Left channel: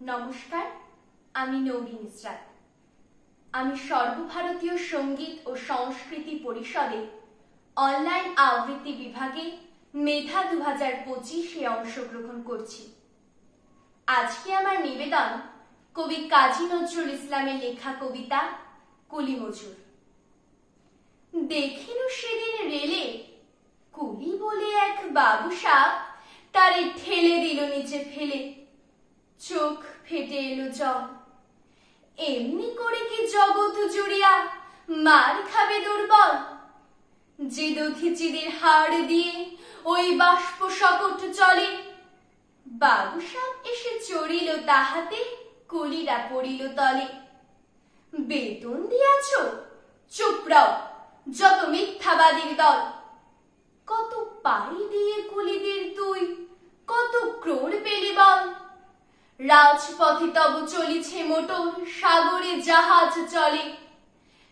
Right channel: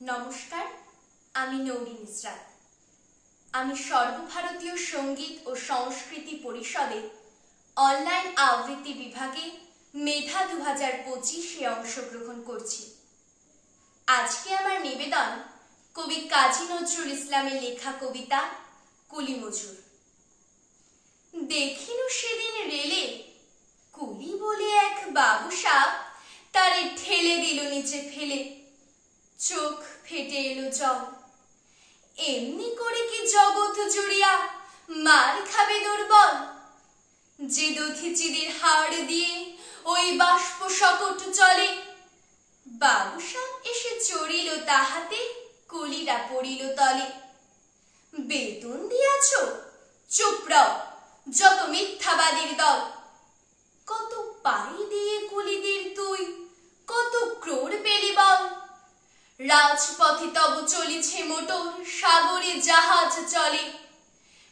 নমস্কার, আমি নৌরিন ইসরাত। আমি সর্বভারতীয় সঙ্গীত ও সংস্কৃতি পরিষদে অনলাইন আবৃত্তি বিভাগে মেধা 2025-এ অংশগ্রহণ করছি। আজকে আমার নিবেদন কবি কাজী নজরুল ইসলামের লেখা কবিতা কুলি মজুর। দেখিনু সেদিন রেলে কুলি বলে এক বাবু সাপ, তারে ঠেলে দিল নিচে ফেলে, চোখ ফেটে এলো জল। এমনি করে কি জগৎ জুড়িয়া মার খাবে দুর্বল? যে দধিচিদের হাড় দিয়ে ওই বাষ্প সকট চলে, বাবু সাপ এসে চড়িল তাহাতে, কুলিরা পড়িল তলে। বেতন দিয়াছ? চুপ রও, যত মিথ্যাবাদীর দল। কত পাই দিয়ে কুলিদের তুই, কত ক্রোড় পেলি বল? রাজপথে তব চলিছে মোটর, সাগরে জাহাজ চলে।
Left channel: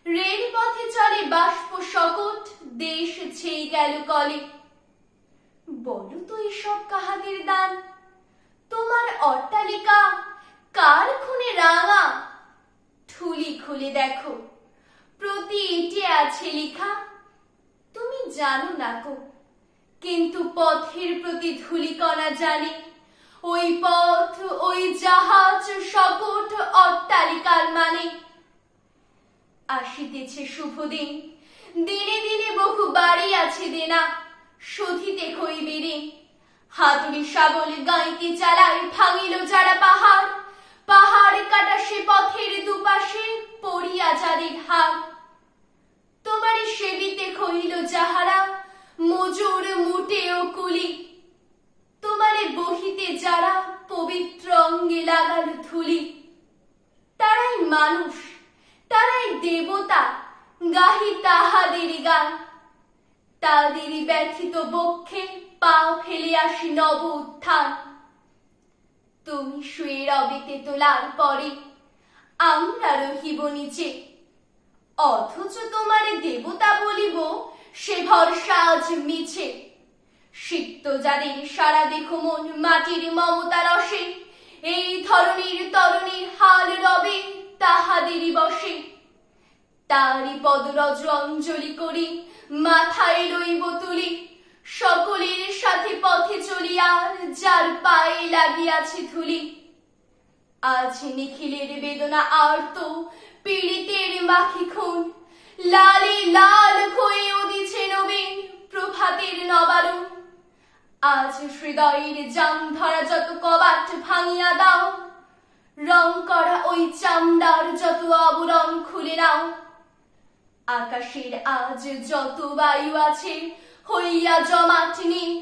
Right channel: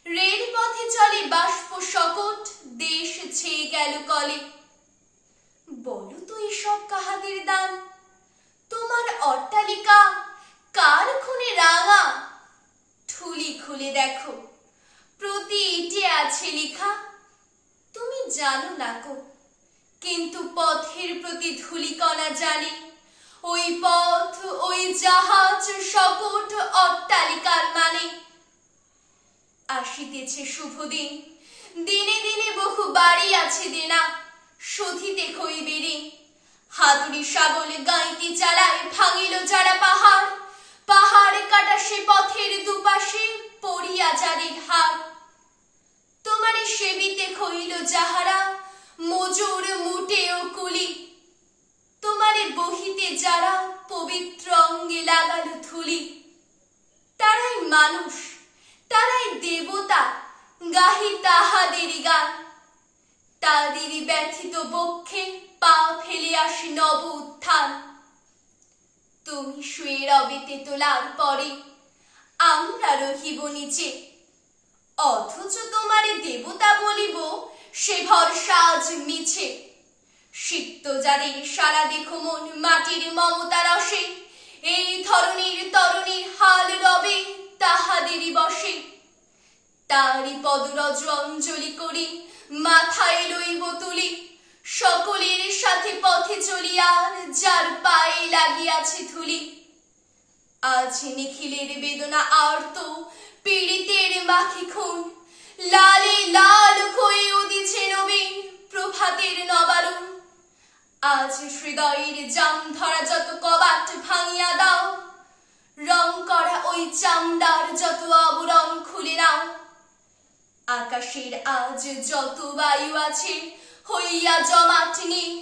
রেল পথে চলে বাষ্প সকট, দেশ ছেয়ে গেল কলে। বলো তো এসব কাহাদের দান? তোমার অট্টালিকা কার খুনে রাঙা? ঠুলি খুলে দেখো, প্রতি ইটে আছে লেখা। তুমি জানো না কো, কিন্তু পথের প্রতি ধূলিকণা জানে। ওই পথ, ওই জাহাজ, সকট অট্টালিকার মানে। আসিতেছে শুভ দিন, দিনে দিনে বহু বাড়ি আছে দেনা, শোধিতে খইবে ঋণ। হাতুড়ি শাবল গাঁইতি চালায়, ভাঙিল যারা পাহাড়। পাহাড় কাটা সে পথের দুপাশে, পড়িয়া যাদের হাড়। তোমারে সেবিতে খইল যাহারা, মজুর মুটে ও কুলি। তোমারে বহিতে যারা, পবিত্র অঙ্গে লাগালো ধুলি। তারাই মানুষ, তারাই দেবতা, গাহি তাহাদেরই গান। তাদেরই ব্যথিত বক্ষে পা ফেলে আসি নব উত্থান। তুমি শুয়ে রবে তেতলার পরে, আমরা রহিব নিচে। অথচ তোমারে দেবতা বলিব, সে ভরসা আজ মিছে। সিক্ত যাদের সারা দেখো মন মাটির মমতা রসে, এই ধরনীর তরণীর হাল রবে তাহাদেরই বসে। তারই পদরজ অঞ্জলি করি, মাথায় লইব তুলি। সকলের সাথে পথে চলিয়ার, যার পায়ে লাগিয়াছে ধুলি। আজ নিখিলের বেদনা আর্ত, পীড়িতের মাখি খুন। লালে লাল হয়ে উদিছে নবীন, প্রভাতের নবারুণ। আজ হৃদয়ের জাম ধরা যত কবাট ভাঙিয়া দাও, রং করা ওই চামড়ার যত আবরণ খুলে নাও। আকাশের আজ যত বায়ু আছে, হইয়া জমাট নীল।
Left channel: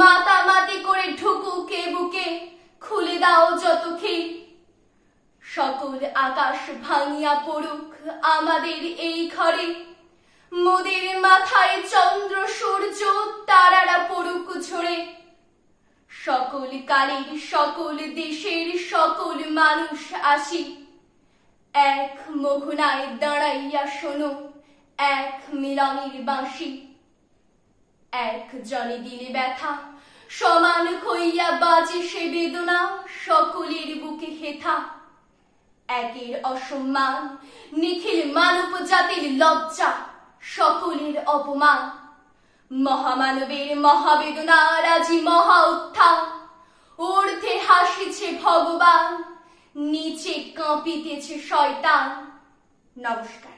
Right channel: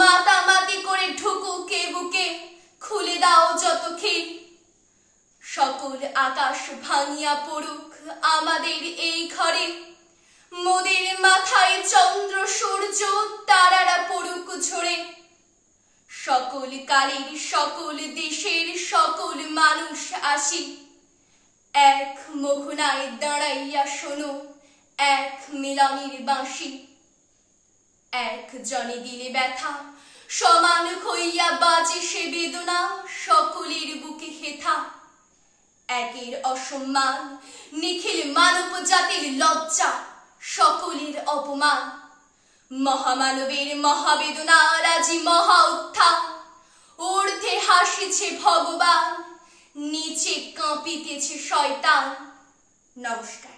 মাতামাতি করে ঢুকুকে বুকে, খুলে দাও যত খিল। সকল আকাশ ভাঙিয়া পড়ুক আমাদের এই ঘরে, মোদের মাথায় চন্দ্র সূর্য তারারা পড়ুক ঝরে। সকল কালের সকল দেশের সকল মানুষ আসি, এক মোহনায় দাঁড়াইয়া শোনো এক মিলনের বাঁশি। এক জনে দিলে ব্যথা, সমান হইয়া বাজে সে বেদনা, সকলের বুকে হেথা। একের অসম্মান, নিখিল মানব জাতির লজ্জা, সকলের অপমান। মহামানবের মহাবেদনার আজি মহা উত্থান। ঊর্ধ্বে হাসিছে ভগবান, নিচে কাঁপিতেছে শয়তান। নমস্কার।